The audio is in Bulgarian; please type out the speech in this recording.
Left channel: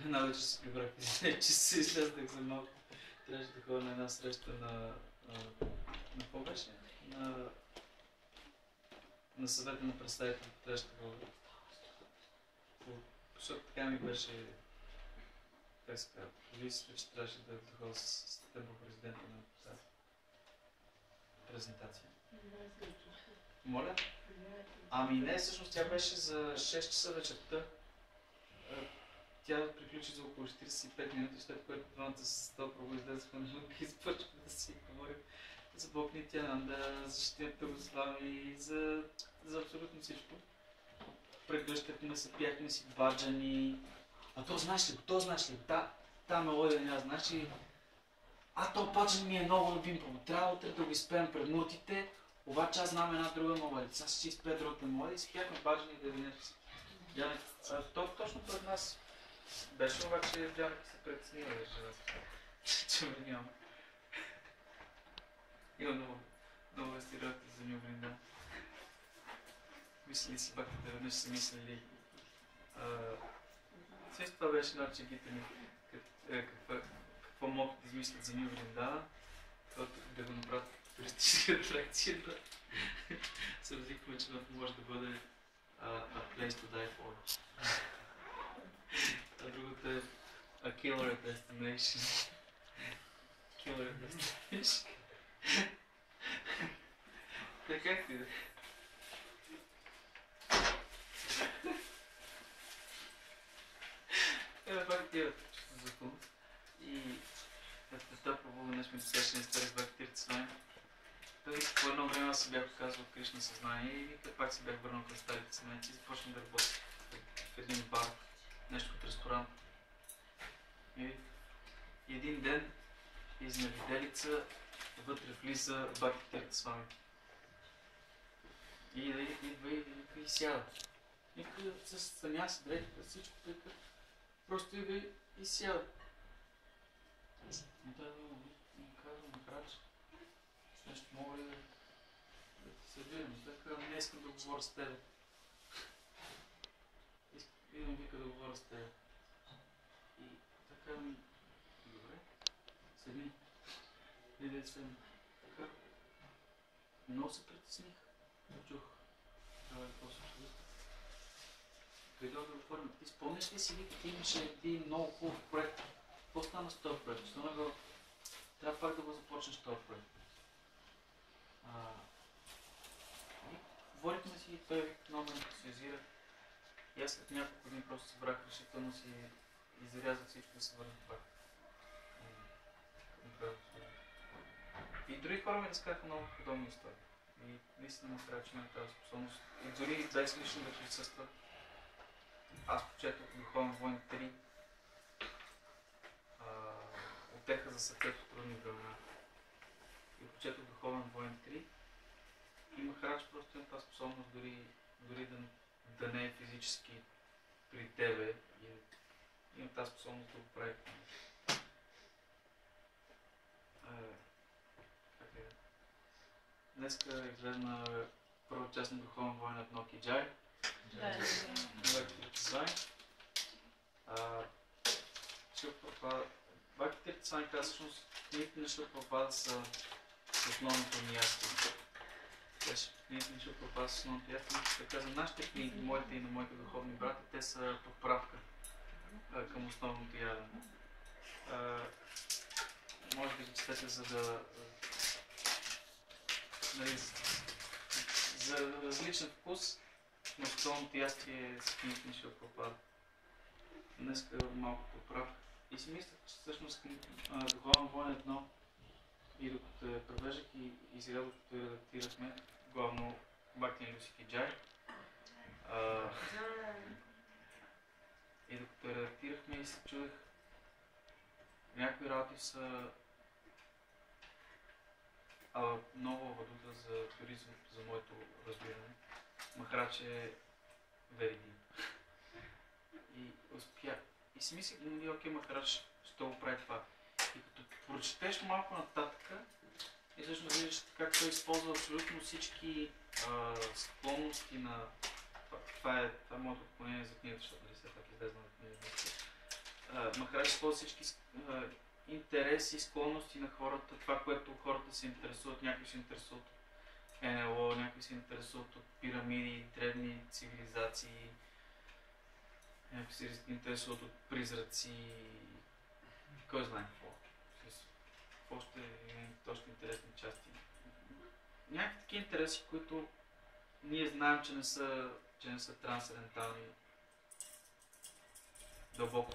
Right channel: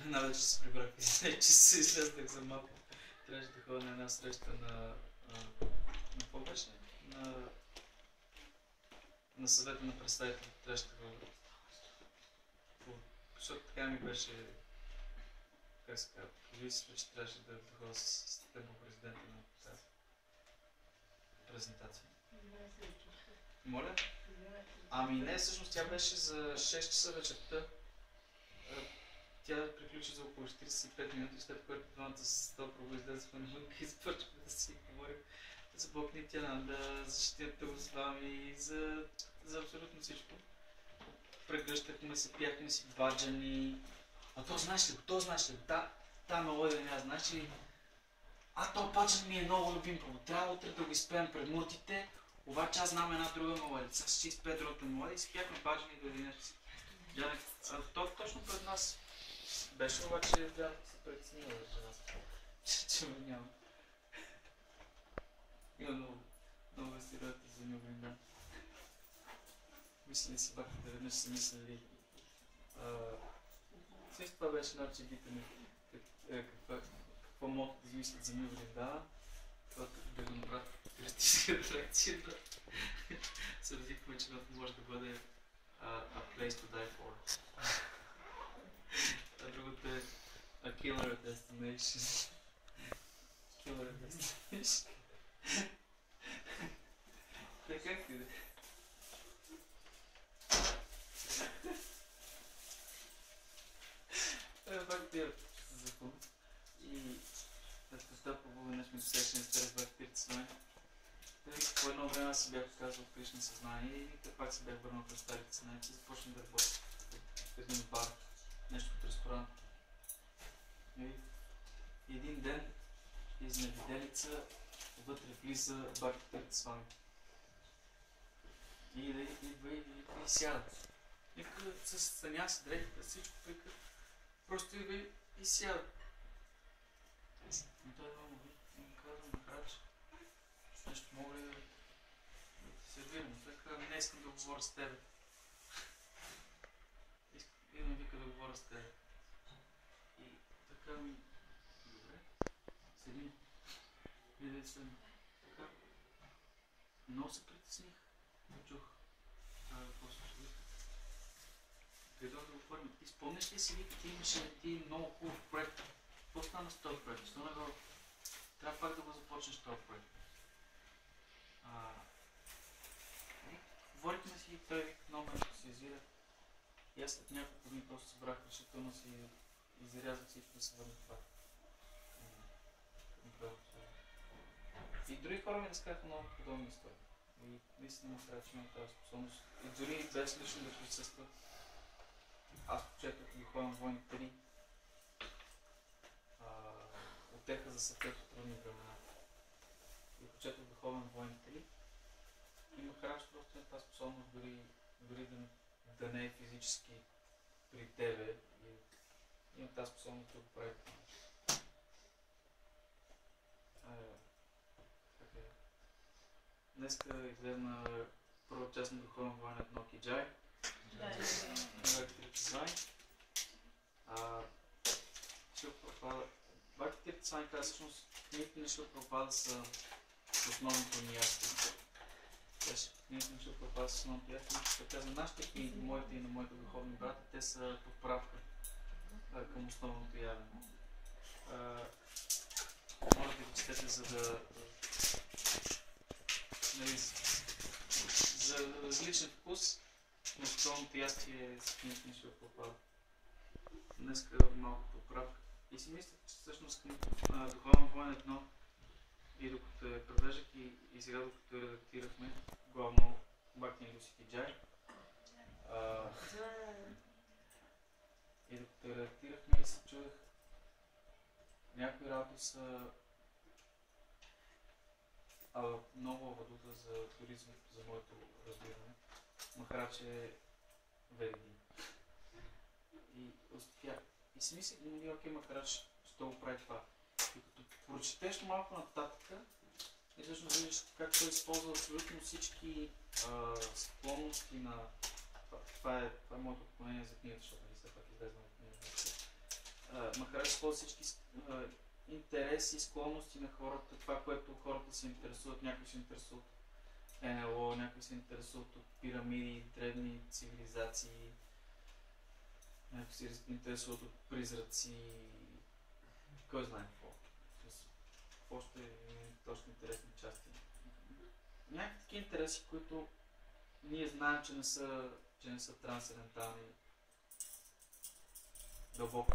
Една вече се прибрах, че се излезнах за малко. Трябваше да ходя на една среща на какво беше? На съвета на представителите. Трябваше да ходя. Защото така ми беше, как се казва, повисите, че трябваше да ходя с темпо президента на тази презентация. Моля? Ами не, всъщност тя беше за 6 часа вечерта. Тя приключи за около 45 минути, след което двамата с толкова излезаха на мънка и започваме да си говорим за Бог ни тя, да защитят с вами и за абсолютно всичко. Прегръщахме се, пяхме си баджани. А то знаеш ли го, та мелодия не я знаеш ли? То баджан ми е много любим, трябва утре да го изпеем пред муртите, обаче аз знам една друга мелодия. Сега ще изпея другата мелодия и си пяхме баджани да единеш. То точно пред нас беше, обаче Джанет се преценила че ме няма. Има много стереотипи за Ню Вриндан. Мисли си пак, веднъж са мислили. Също това беше една чегите ми. Какво могат да измислят за Ню Вриндана, да го направят туристическа атракция, да се разликваме, че може да бъде a place to die for. А другото е a killer destination. Killer destination. Как ти да? Пак тия за филм. И това пробува днес ми досяше не старих бак тирите с вами. Той по едно време аз се бях отказал от Кришна съзнание и пак се бях върнал към старите съзнания и започнах да работя в един бар, нещо от ресторант. И един ден изневиделица вътре влиза бак тирите с вами. И идва и сяда. Нека с саняси, дрехите, всичко прика. Просто идва и сяда. Но той му казва, Махарадж, нещо мога ли да ти сервирам? Той казва, не искам да говоря с тебе. И да ми вика да говоря с тебе. И така ми, добре, седни. И да седна. Така. Много се притесних. Чух. Какво се случва? Дойдох да говорим. Ти спомняш ли си, вика, ти имаше един много хубав проект. Какво стана с този проект? Трябва пак да го започнеш този проект. Говорихме си и той вика, много ме ентусиазира. И аз след няколко дни просто събрах решително си и зарязах всичко и се върнах пак. И други хора ми разказаха много подобни истории. И наистина му трябва, че има тази способност. И дори без лично да присъства. Аз прочетох Духовен войн 3. Отеха за съвет от трудни времена. И прочетох Духовен войн 3. И Махарадж просто има тази способност дори да не е физически при тебе. И има тази способност да го прави. Днеска изгледна първа част на Духовен войн 1 Киджай. Баки Тиртисвами каза, всъщност книгите на Шила Прабхупада са основното ни ясно. Книгите на Шила Прабхупада са основното ясно. Така за нашите книги, моите и на моите духовни брати, те са подправка към основното ядене. Може да ги четете, за да за различен вкус, но основното ястие с книгите на Шила Прабхупада. Днеска малко подправка. И си мисля, че всъщност Духовен войн 1 и докато я превеждах и сега докато я редактирахме, главно Бхакти Люси Киджай. И докато я редактирахме и се чудех, някои работи са много авадута за туризъм, за моето разбиране. Махарадж е веригин. И успя. И си мислих, окей, Махарадж ще го прави това. И като прочетеш малко нататък, и всъщност виждаш как той използва абсолютно всички склонности на... Това е моето отклонение за книгата, защото все пак излезна от книгата. махарадж използва всички интереси, склонности на хората, това, което хората се интересуват, някои се интересуват от НЛО, някои се интересуват от пирамиди, древни цивилизации, някои се интересуват от призраци, кой знае какво. Още точно интересни части. Някакви такива интереси, които ние знаем, че не са трансцендентални, дълбоко